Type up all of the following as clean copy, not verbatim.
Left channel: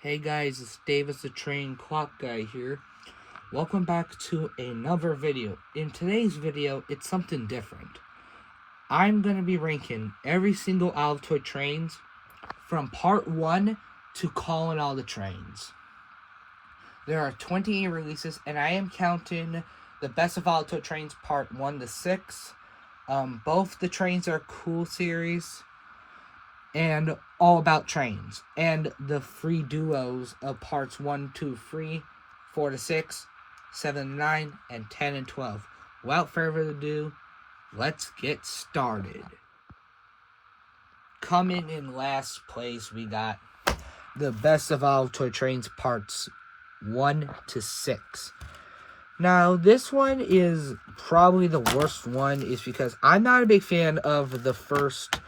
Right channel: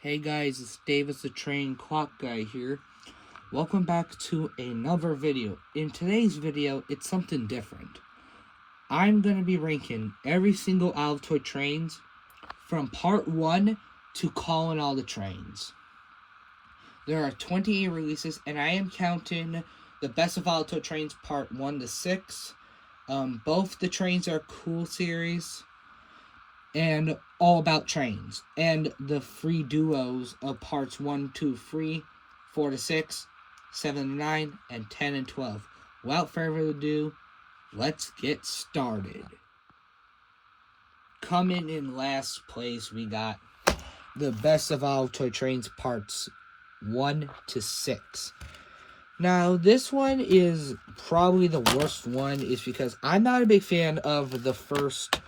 Hey guys, it's Davis the Train Clock Guy here. Welcome back to another video. In today's video, it's something different. I'm going to be ranking every single Altoid trains from part 1 to calling all the trains. There are 28 releases, and I am counting the Best of Altoid Trains part 1 to 6. Both the Trains Are Cool series and All About Trains, and the free duos of parts 1, 2, 3, 4 to 6, 7 to 9, and 10 and 12. Without further ado, let's get started. Coming in last place, we got the Best of All Toy Trains parts 1 to 6. Now, this one is probably the worst one, is because I'm not a big fan of the first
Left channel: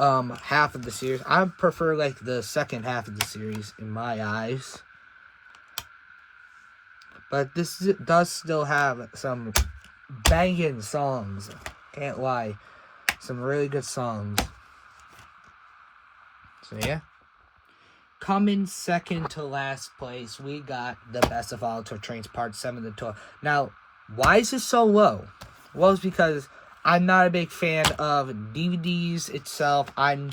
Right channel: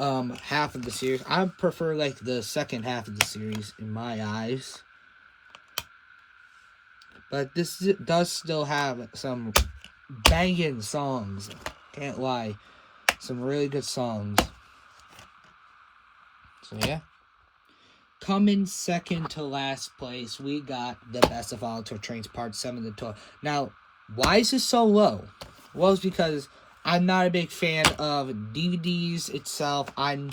half of the series. I prefer like the second half of the series in my eyes, but this does still have some banging songs, can't lie, some really good songs. So yeah, coming second to last place, we got the Best of All Toy Trains part 7 to 12. Now, why is this so low? Well, it's because I'm not a big fan of DVDs itself. I'm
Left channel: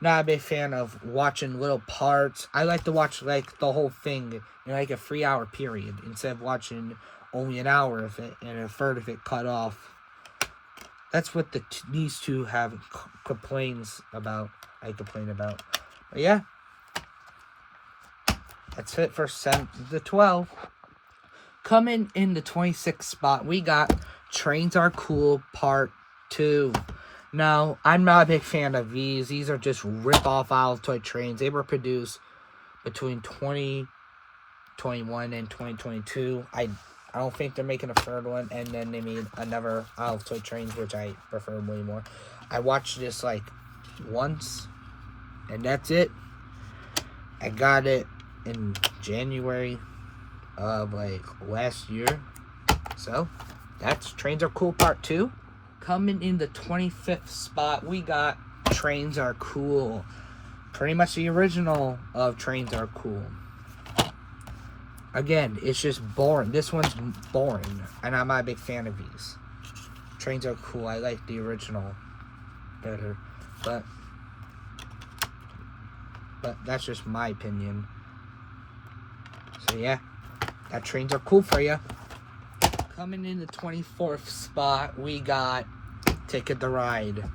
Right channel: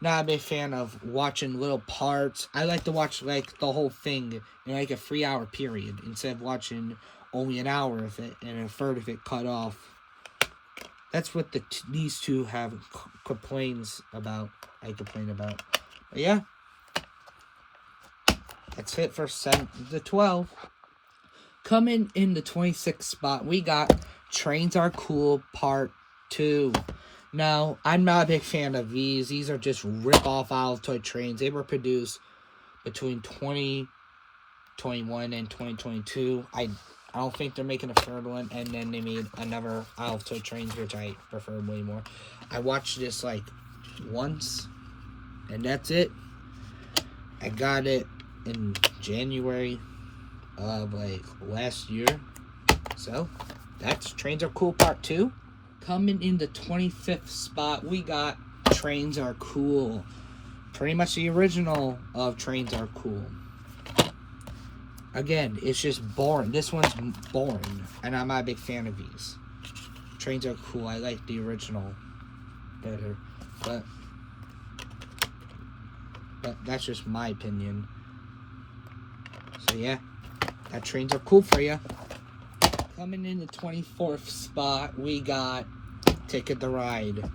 not a big fan of watching little parts. I like to watch like the whole thing in like a 3-hour period instead of watching only an hour of it and a third of it cut off. That's what these two have complaints about. I complain about. But yeah, that's it for 7 to 12. Coming in the 26th spot, we got Trains Are Cool Part 2. Now, I'm not a big fan of these. These are just rip-off Altoid trains. They were produced between 2021 and 2022. I don't think they're making a third one. And then they made another Altoid trains, which I prefer way more. I watched this like once, and that's it. I got it in January of like last year. So that's Trains Are Cool Part 2. Coming in the 25th spot, we got Trains Are Cool. Pretty much the original of Trains Are Cool. Again, it's just boring. This one's boring, and I'm not a big fan of these. Trains Are Cool. I like the original better, but that's just my opinion. So yeah, that Trains Are Cool for you. Coming in the 24th spot, we got Ticket to Ride.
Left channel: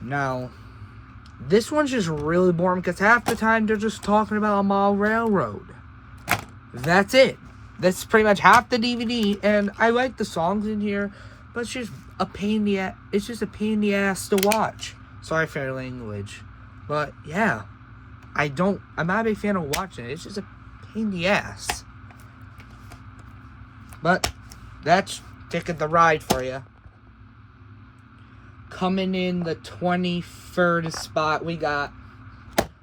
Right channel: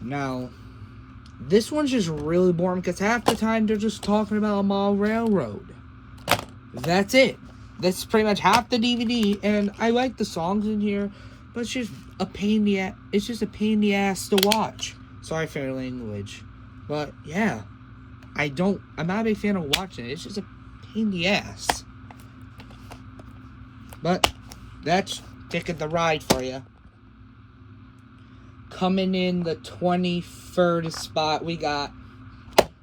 Now, this one's just really boring because half the time they're just talking about a mall railroad. That's it. That's pretty much half the DVD, and I like the songs in here, but it's just a pain in the ass. It's just a pain in the ass to watch. Sorry for the language, but yeah, I'm not a big fan of watching it. It's just a pain in the ass. But that's Ticket to Ride for you. Coming in the 23rd spot, we got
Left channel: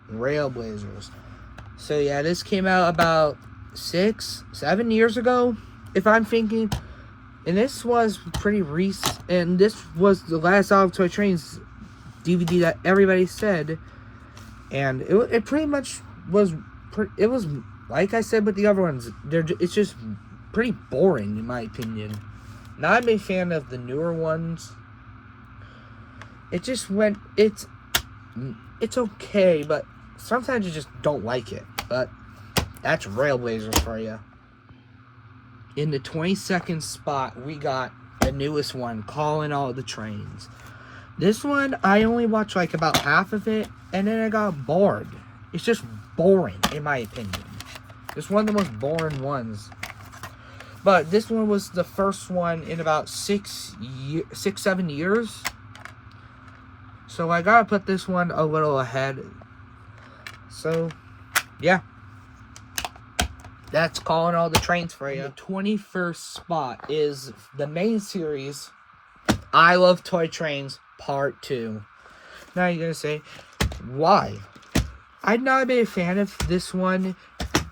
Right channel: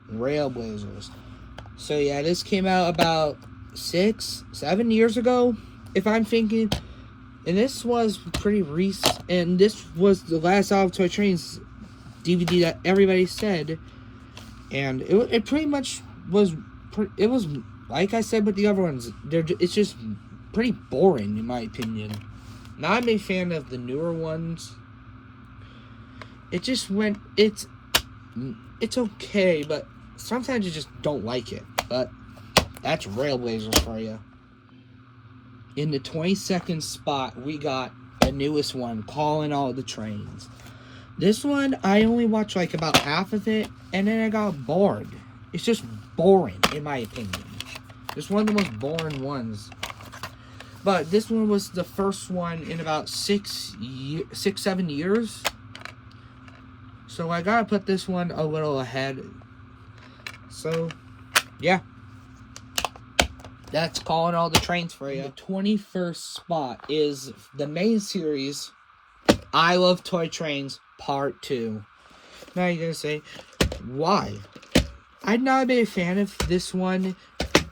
Railblazers. So yeah, this came out about 6-7 years ago, if I'm thinking. And this was pretty recent. And this was the last Altoid Trains DVD that everybody said. And it pretty much was. It was like I said with the other ones. It's just pretty boring in my opinion. Not a big fan of the newer ones. It just went. It's okay, but sometimes you just don't like it. But that's Railblazers for you. In the 22nd spot, we got the newest one, Calling All the Trains. This one, I only watched like about half of it, and then I got bored. It's just boring, in my opinion. It's one of the most boring ones. But this one was the first one in about 6-7 years. So I gotta put this one a little ahead. So, yeah. That's Calling All the Trains for you. The 21st spot is the main series, I Love Toy Trains Part 2. Now you're going to say, why? I'm not a big fan of this one.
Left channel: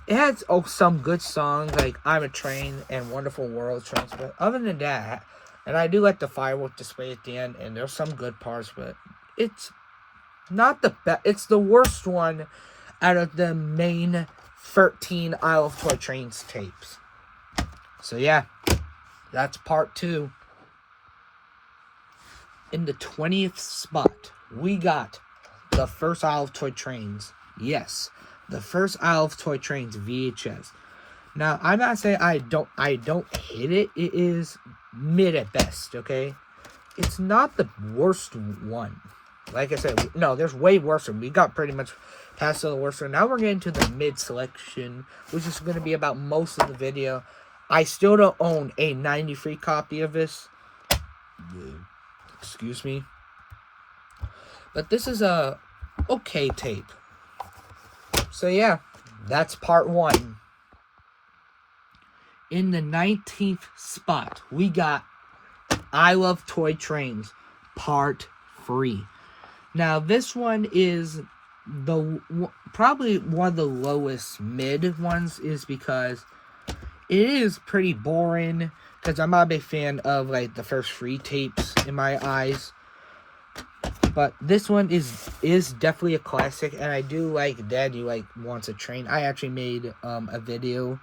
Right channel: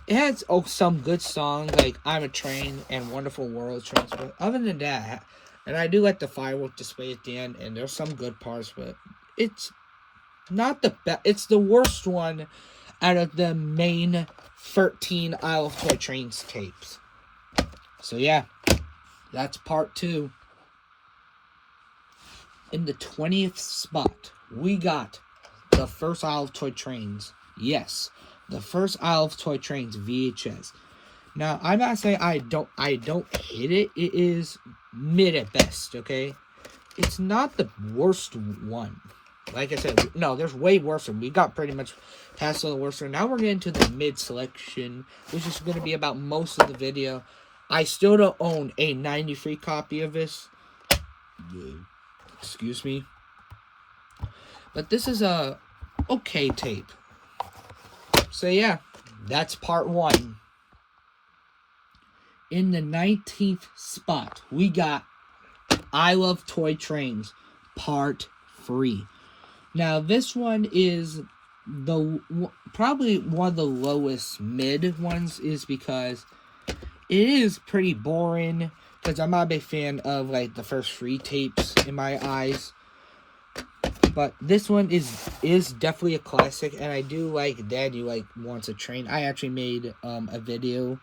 It has some good songs like I'm a Train and Wonderful World Trains, but other than that, and I do like the firework display at the end, and there's some good parts, but it's not the best. It's the worst one out of the main 13 Isle of Toy Trains tapes. So yeah, that's part 2. In the 20th spot, we got the first Isle of Toy Trains. Yes, the first Isle of Toy Trains VHS. Now, I'm not saying I don't hate it. It is mid at best, okay? It's not the worst one. Like I said, no, there's way worse. We got pretty much past the worst one. Now we're getting to the mid selection, which is going to be about most of the video. I still don't own a 93 copy of this. Excuse me. But this is a okay tape. So yeah, that's part 1. In the 19th spot, we got I Love Toy Trains part 3. Now this one is probably one of the lowest mid ones, is because it is pretty boring. Because I'm not a big fan of, like, the first 3 tapes in my eyes. But this one is definitely a classic. And I do like Daddy Wants a Train. I actually made a video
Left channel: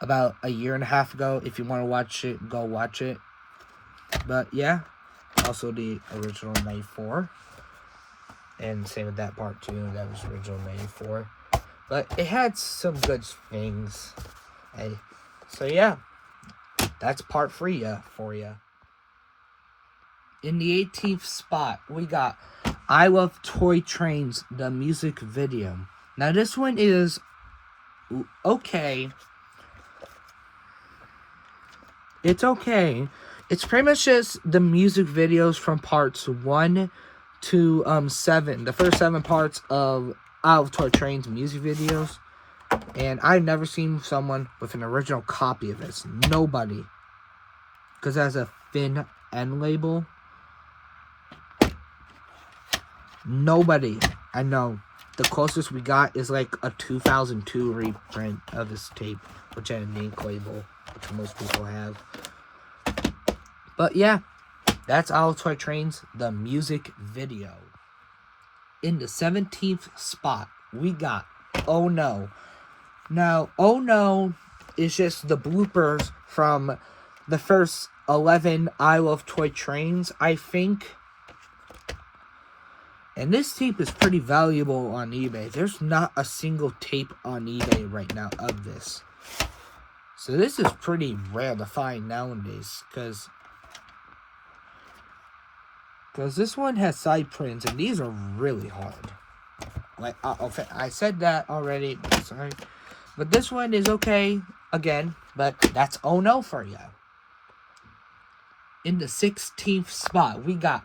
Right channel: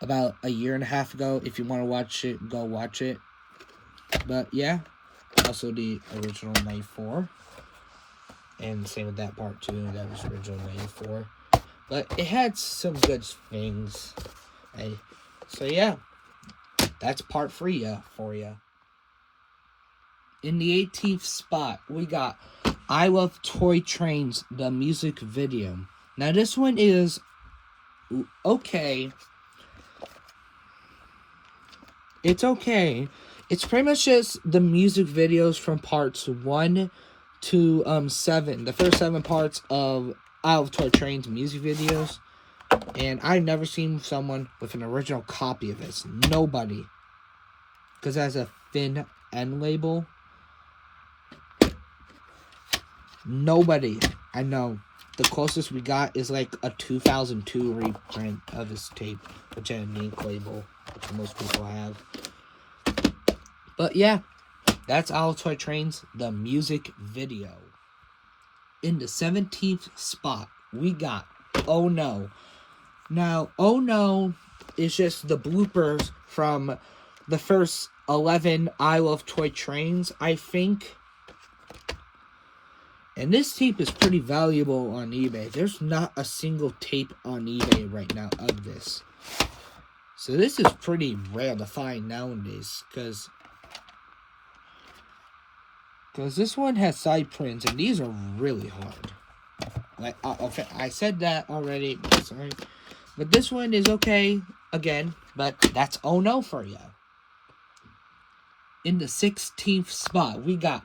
about a year and a half ago. If you want to watch it, go watch it. But, yeah. Also the original 94. And same with that part, too. That was original 94. But it had some good things. So, yeah. That's part 3 for you. In the 18th spot, we got I Love Toy Trains, the music video. Now, this one is okay. It's okay. It's pretty much just the music videos from parts 1 to 7. The first 7 parts of I Love Toy Trains music videos. And I've never seen someone with an original copy of this. Nobody. Because it has a thin end label. Nobody. I know. The closest we got is like a 2002 reprint of this tape. Which had an ink label. Which most people have. But yeah. That's Isle of Toy Trains, the music video. In the 17th spot, we got Oh No. Now, Oh No is just the bloopers from the first 11 Isle of Toy Trains, I think. And this tape is pretty valuable on eBay. There's not a single tape on eBay right now of this. So this is pretty rare to find nowadays. Because this one has side prints, and these are really hard. Like, I said that already, but sorry. But this one is okay, again, but that's Oh No for you. In the 16th spot, we got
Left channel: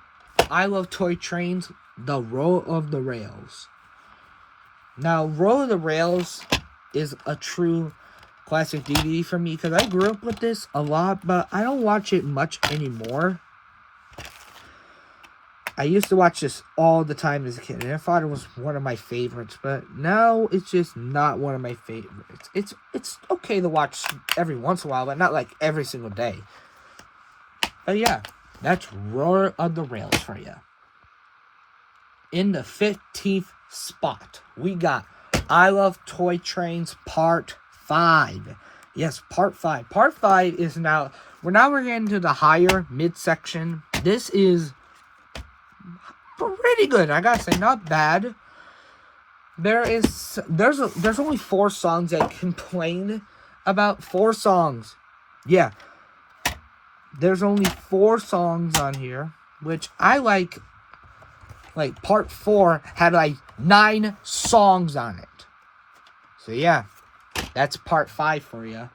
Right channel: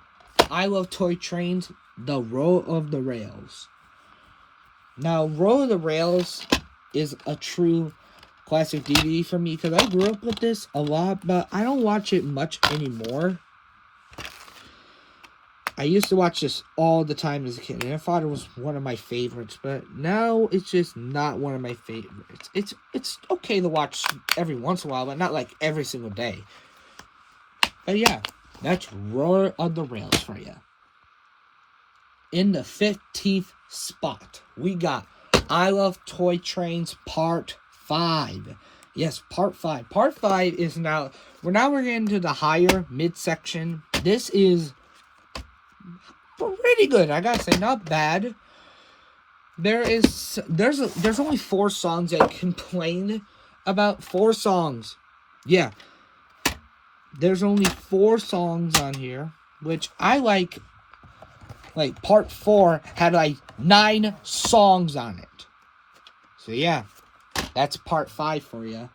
I Love Toy Trains, The Roll of the Rails. Now, Roll of the Rails is a true classic DVD for me, because I grew up with this a lot, but I don't watch it much anymore. I used to watch this all the time as a kid, and I thought it was one of my favorites, but now it's just not one of my favorites. It's okay to watch every once in a while, but not like every single day. But yeah, that's Roar of the Rails for you. In the 15th spot, we got I Love Toy Trains Part 5. Yes, Part 5. Part 5 is now... We're getting to the higher midsection. This is pretty good, I gotta say, not bad. There's only 4 songs I complain about. 4 songs. Yeah. There's only 4 songs on here, which I like. Like, part 4 had like 9 songs on it. So yeah, that's part 5 for you.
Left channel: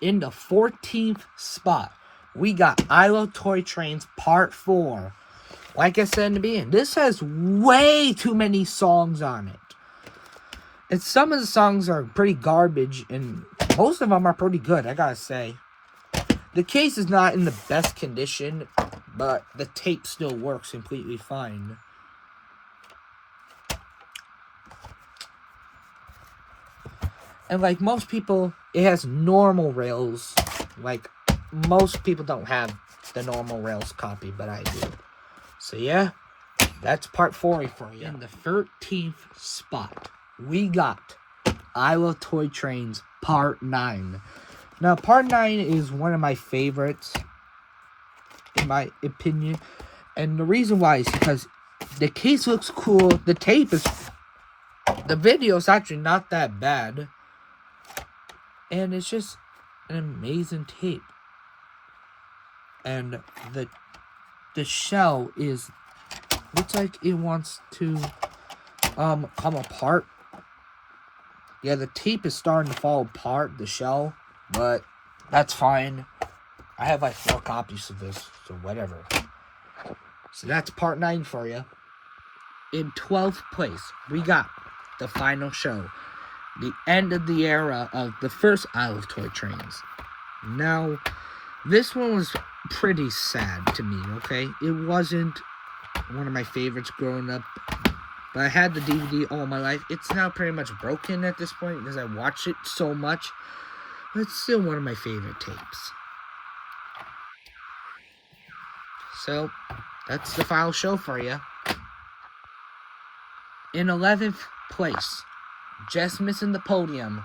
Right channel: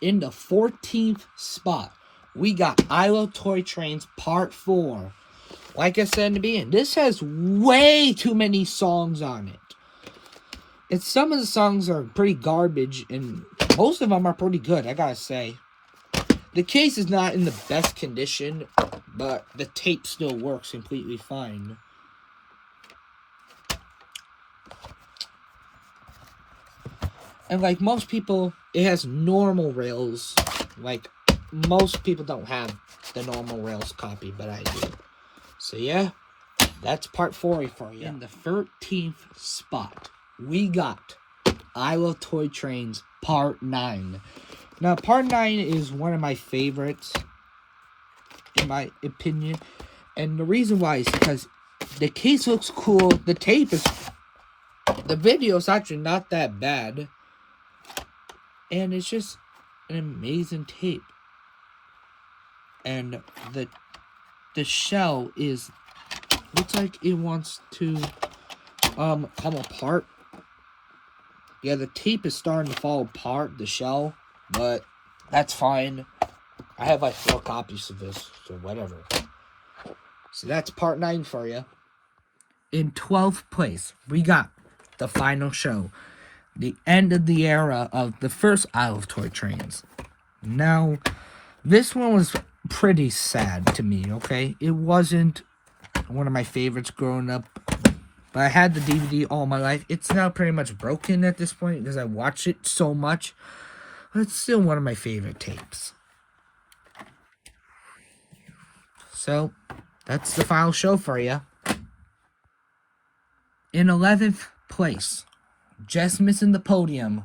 In the 14th spot, we got I Love Toy Trains Part 4. Like I said in the beginning, this has way too many songs on it. And some of the songs are pretty garbage, and most of them are pretty good, I gotta say. The case is not in the best condition, but the tape still works completely fine. And like most people, it has normal rails. Like, most people don't have the normal rails copy, but I do. So yeah, That's part 4 for you. In the 13th spot, we got I Love Toy Trains Part 9. Now, Part 9 is one of my favorites, in my opinion. And the reason why is because the case looks cool. The tape is... The video is actually not that bad. And it's just an amazing tape. And the shell is... Looks like it wants to come apart. Yeah, the tape is starting to fall apart, the shell, but that's fine. I have like 4 copies of this, so whatever. So that's part 9 for you. In 12th place, we got the final show. The end of the era of the first I Love Toy Trains. Now, this one was pretty sad to me, okay? It wasn't one of my favorites growing up, but I had the DVD all my life. It's now pretty much broken at this point because I watch it so much, but it's still one of my favorite tapes. So, that's the final show for you. In 11th place, just missing the podium,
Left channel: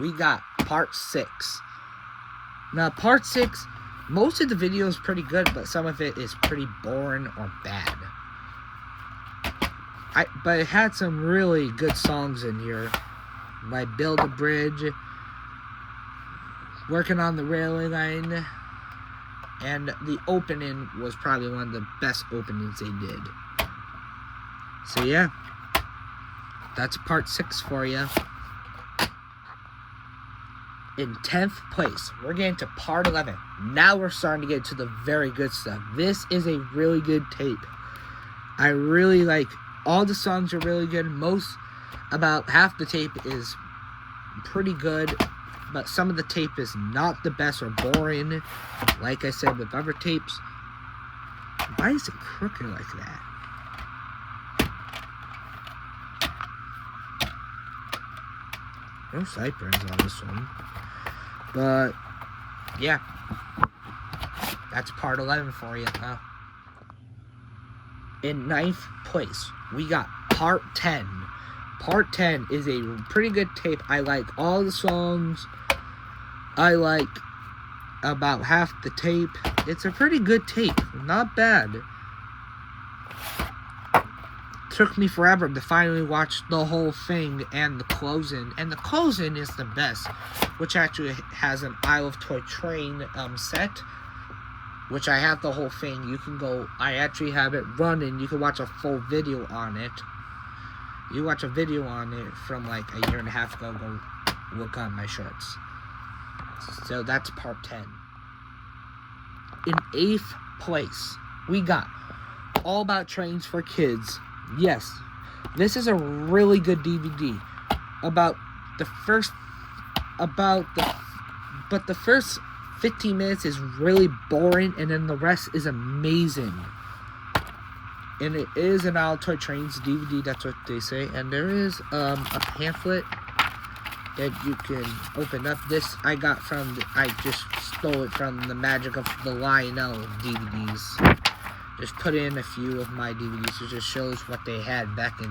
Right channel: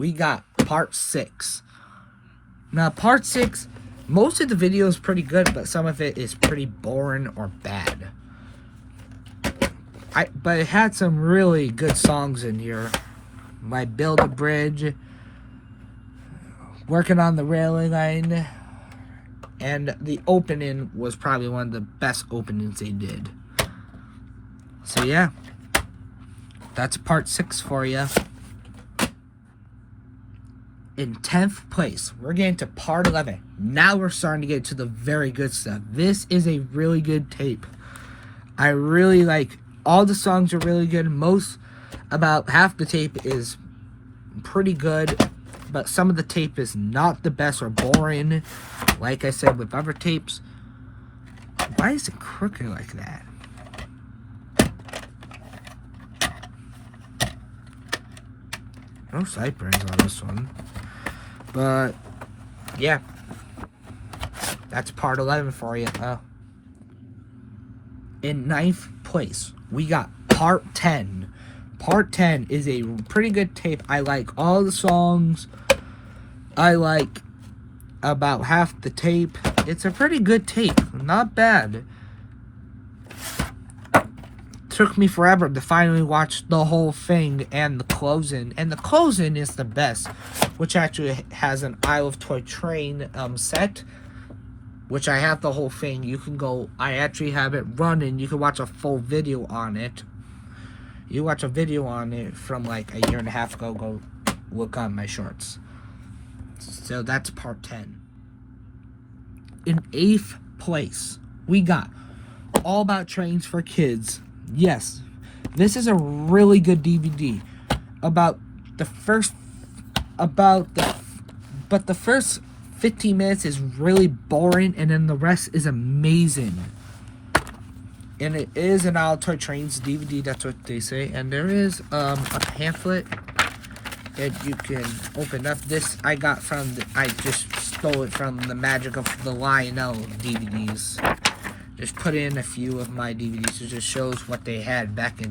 we got Part 6. Now, Part 6, most of the video is pretty good, but some of it is pretty boring or bad. But it had some really good songs in here, like Build a Bridge, Working on the Railing Line, and the opening was probably one of the best openings they did. So yeah, that's Part 6 for you. In 10th place, we're getting to Part 11. Now we're starting to get to the very good stuff. This is a really good tape. I really like... All the songs are really good. About half the tape is pretty good, but some of the tape is not the best or boring. Like I said with other tapes. Why is it crooked like that? No sideburns on this one. But, yeah. That's part 11 for you. In 9th place, we got Part 10. Part 10 is a pretty good tape. I like all the songs. I like about half the tape. It's a pretty good tape. Not bad. Took me forever to finally watch the whole thing and the closing. And the closing is the best, which actually has an I Love Toy Train set, which I have the whole thing. You can go, I actually have it running. You can watch a full video on it. You watch a video on it from like a year and a half ago. Go look on my shorts. So that's Part 10. In 8th place, we got All About Trains for Kids. Yes, this is a really good DVD. The first 15 minutes is really boring, and then the rest is amazing. And it is an All Toy Trains DVD, that's what they say. And there is a pamphlet that you can open up. This I just stole it from the Magic of the Lionel DVDs. Just put in a few of my DVDs. It just shows what they had back in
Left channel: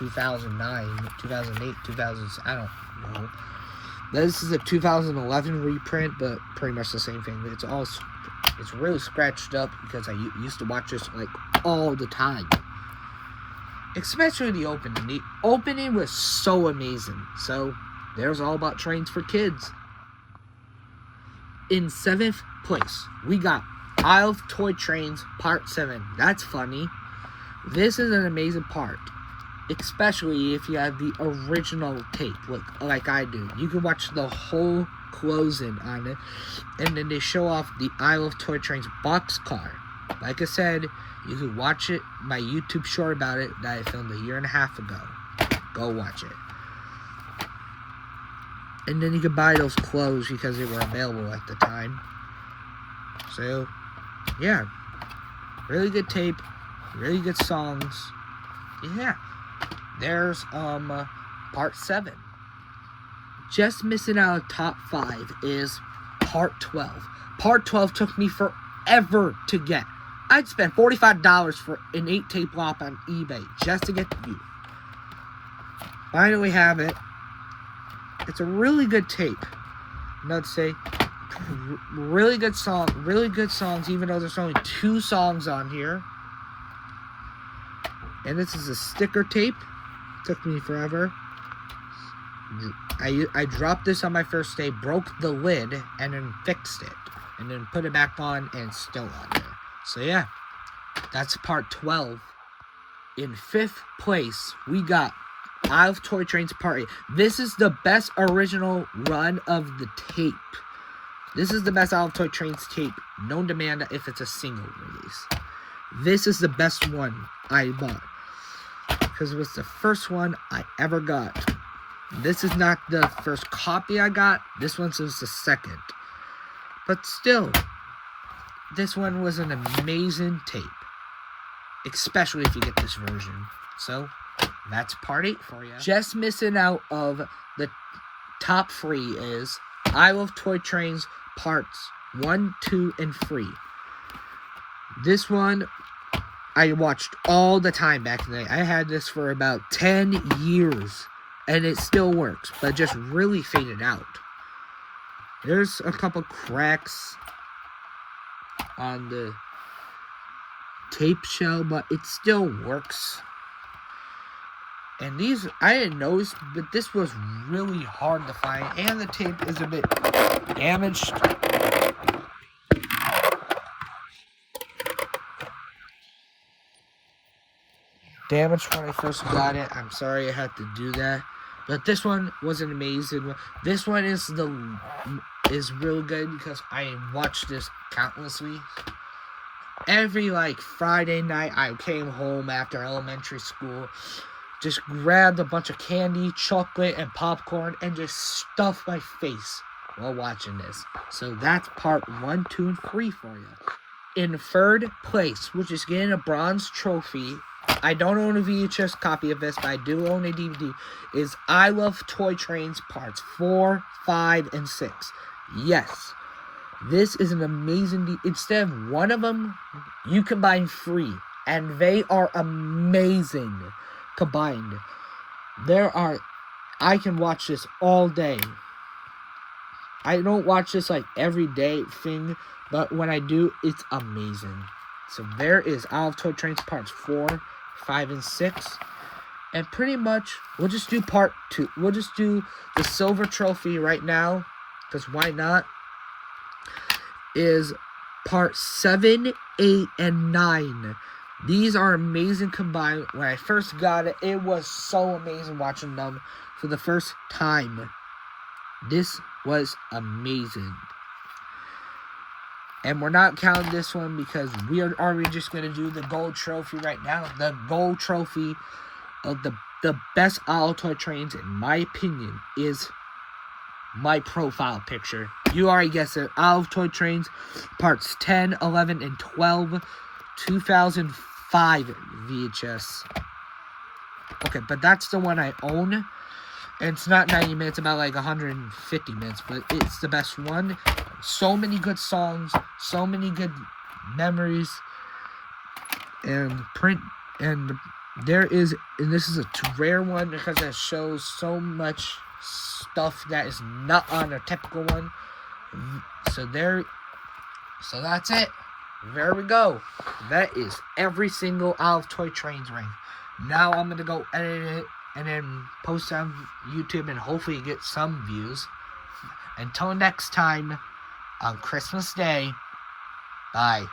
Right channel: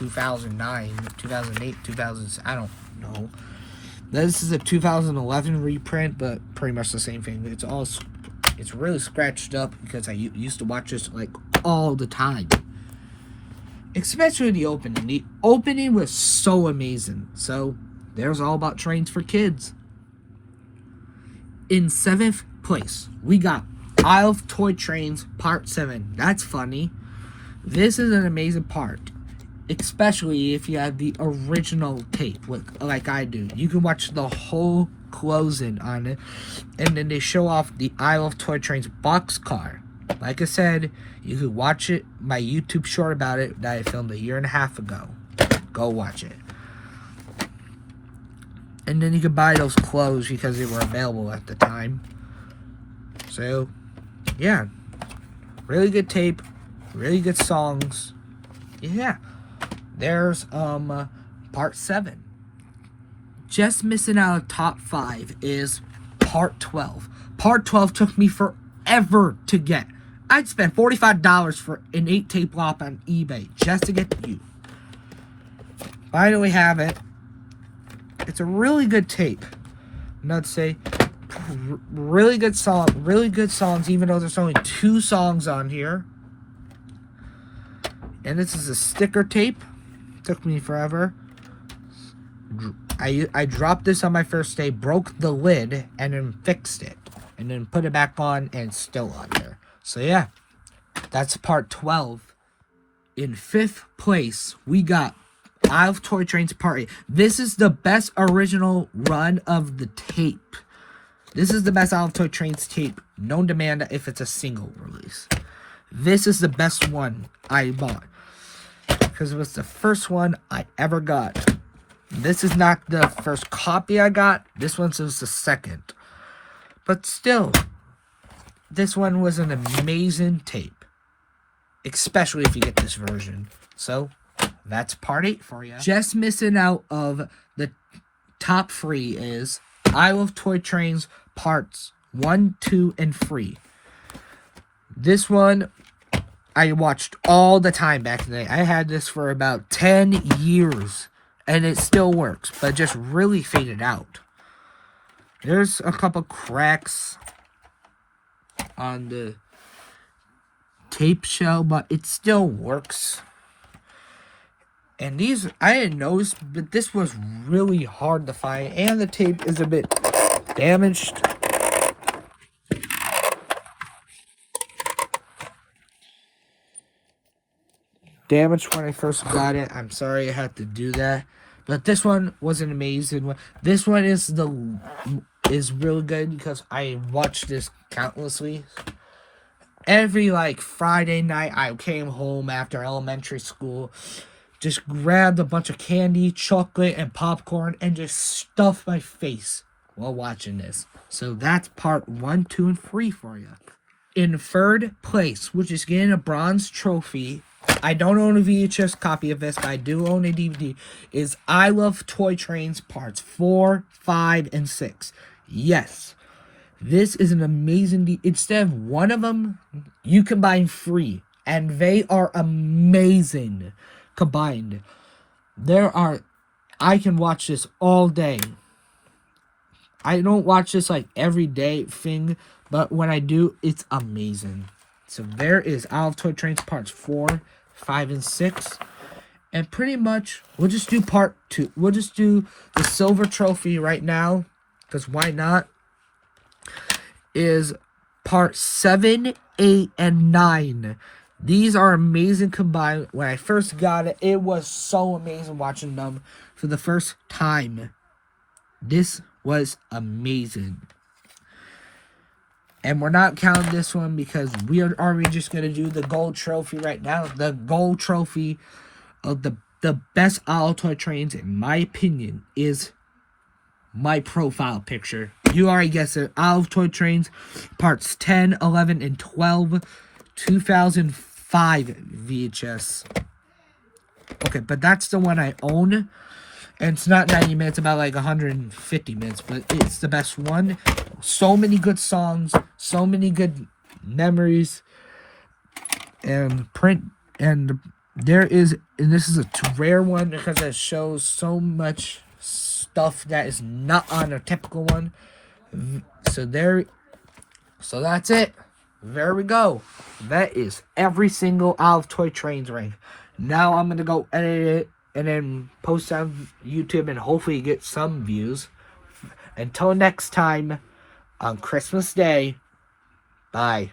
2009, 2008, 2000, I don't know. This is a 2011 reprint, but pretty much the same thing. It's really scratched up because I used to watch this like all the time. Especially the opening. The opening was so amazing. So, there's All About Trains for Kids. In 7th place, we got I Love Toy Trains Part 7. That's funny. This is an amazing part. Especially if you have the original tape, like I do. You can watch the whole closing on it. And then they show off the I Love Toy Trains boxcar. Like I said, you can watch it, my YouTube short about it that I filmed a year and a half ago. Go watch it. And then you can buy those clothes because they were available at the time. So, yeah. Really good tape. Really good songs. Yeah. There's Part 7. Just missing out of top 5 is Part 12. Part 12 took me forever to get. I'd spend $45 for an 8-tape flop on eBay just to get you. Finally have it. It's a really good tape. I'd say really good songs, even though there's only 2 songs on here. And this is a sticker tape. Took me forever. I dropped this on my first day, broke the lid, and then fixed it. And then put it back on, and it's still on there. So yeah, that's part 12. In 5th place, we got I Love Toy Trains Part 8. This is the best original run of the tape. This is the best I Love Toy Trains tape known to man if it's a single release. This is the best one I bought, because it was the first one I ever got. This is not the first copy I got. This one's the second. But still, this one was an amazing tape. Especially if you get this version. So, that's part 8 for you. Just missing out of the top 3 is I Love Toy Trains Parts 1, 2, and 3. This one I watched all the time back in the day. I had this for about 10 years. And it still works, but just really faded out. There's a couple cracks on the tape shell, but it still works. And these, I didn't notice, but this was really hard to find. And the tape is a bit damaged. Damaged when I first got it. I'm sorry I had to do that. But this one was an amazing one. This one is really good because I watched this countlessly. Every Friday night I came home after elementary school, just grabbed a bunch of candy, chocolate, and popcorn, and just stuffed my face while watching this. So that's part 1, 2, and 3 for you. In 3rd place, which is getting a bronze trophy, I don't own a VHS copy of this, but I do own a DVD, is I Love Toy Trains Parts 4, 5, and 6. Yes, this is an amazing instead of one of them, you combine 3, and they are amazing combined. I can watch this all day. I don't watch this every day thing, but when I do, it's amazing. So there is I Love Toy Trains Parts 4, 5, and 6. And pretty much, we'll just do part 2. We'll just do the silver trophy right now, because why not? Is part 7, 8, and 9. These are amazing combined. When I first got it, it was so amazing watching them for the first time. This was amazing. And we're not counting this one because we are just going to do the gold trophy right now. The gold trophy of the best I Love Toy Trains, in my opinion, is my profile picture. You already guessed it. I Love Toy Trains Parts 10, 11, and 12. 2005 VHS. Okay, but that's the one I own. And it's not 90 minutes, about 150 minutes, but it's the best one. So many good songs, so many good memories, and this is a rare one because it shows so much stuff that is not on a typical one. So that's it. There we go. That is every single I Love Toy Trains ring. Now I'm gonna go edit it and then post on YouTube and hopefully get some views. Until next time, on Christmas Day, bye.